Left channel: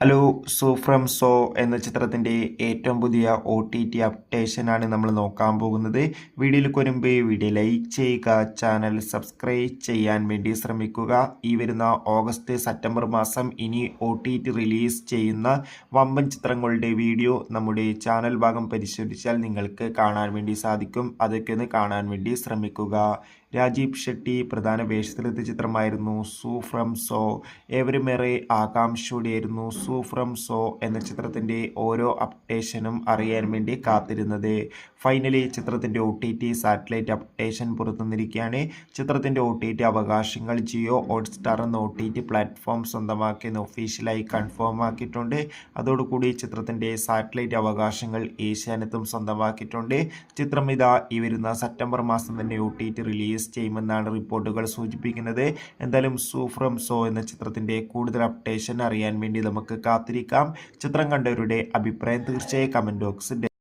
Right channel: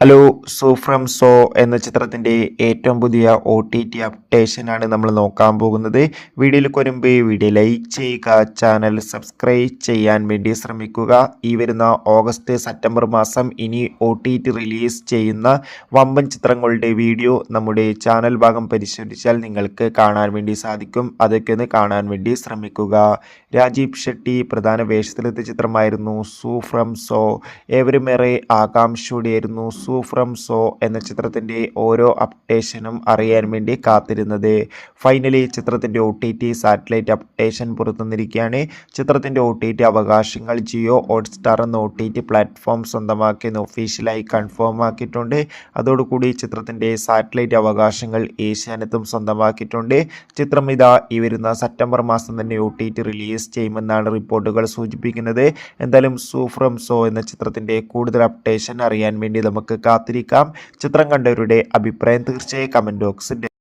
Hello. So from so എന്ന ചിത്രത്തിൻ്റെ ഏറ്റവും പുതിയ OTT അപ്ഡേഷനാണ് നമ്മൾ നോക്കാൻ പോകുന്നത്. വീഡിയോയിലേക്ക് വരുമ്പോൾ വീഡിയോ ലൈക്ക് ചെയ്യുക, ചാനൽ സബ്സ്ക്രൈബ് ചെയ്യാൻ വേണ്ടി ശ്രമിക്കുക. ഈ വരുന്ന ഓഗസ്റ്റ് സെപ്റ്റംബർ മാസം ഇനി OTT റിലീസ് ചെയ്യുന്ന വമ്പൻ ചിത്രങ്ങളുടെ വീഡിയോ നമ്മുടെ ചാനൽ ഭാഗം പരിശോധിച്ചാൽ നിങ്ങൾക്ക് കാണാൻ വേണ്ടി സാധിക്കും. അതൊക്കെ ഒന്ന് കാണാൻ വേണ്ടി ശ്രമിക്കുക. രാജീവ് ഷെട്ടി പ്രധാന വേഷത്തിലെത്തിയ ചിത്രമായിരുന്നു സോ ഫ്രം സോ. ഏവരുമേറെ ആകാംക്ഷയോടെയായിരുന്നു സോ ഫ്രം സോ എന്ന ചിത്രത്തിൻ്റെ ഓരോ അപ്ഡേഷനും അറിയാൻ വേണ്ടി കാത്തിരുന്നത്. ഫൈനലി ചിത്രത്തിൻ്റെ OTT സാറ്റലൈറ്റ് അപ്ഡേഷൻ പുറത്തുവന്നിരിക്കുകയാണ്. ചിത്രത്തിൻ്റെ OTT അവകാശങ്ങൾ ജിയോ ഹോട്ട്സ്റ്റാർ എന്ന OTT പ്ലാറ്റ്ഫോം സ്വന്തമാക്കിയെന്ന് ഒഫീഷ്യലായി കൺഫേം ആക്കിയിട്ടുണ്ട്. അതോടുകൂടി ചിത്രത്തിൻ്റെ സാറ്റലൈറ്റ് അവകാശങ്ങൾ ഏഷ്യാനെറ്റും സ്വന്തമാക്കിയിട്ടുണ്ട്. ചിത്രം ഇതാ ഈ വരുന്ന സെപ്റ്റംബർ മാസം തന്നെ OTT റിലീസ് ചെയ്യുമെന്നാണ് റിപ്പോർട്ടുകൾ സൂചിപ്പിക്കുന്നത്. എന്തായാലും സോ ഫ്രം സോ എന്ന ചിത്രത്തിൻ്റെ കൂടുതൽ അപ്ഡേഷൻ അറിയാൻ വേണ്ടി നമുക്ക് കാത്തിരിക്കാം. ചിത്രം കണ്ടവരുടെ അഭിപ്രായം തീർച്ചയായും കമൻറ്റ് ബോക്സിൽ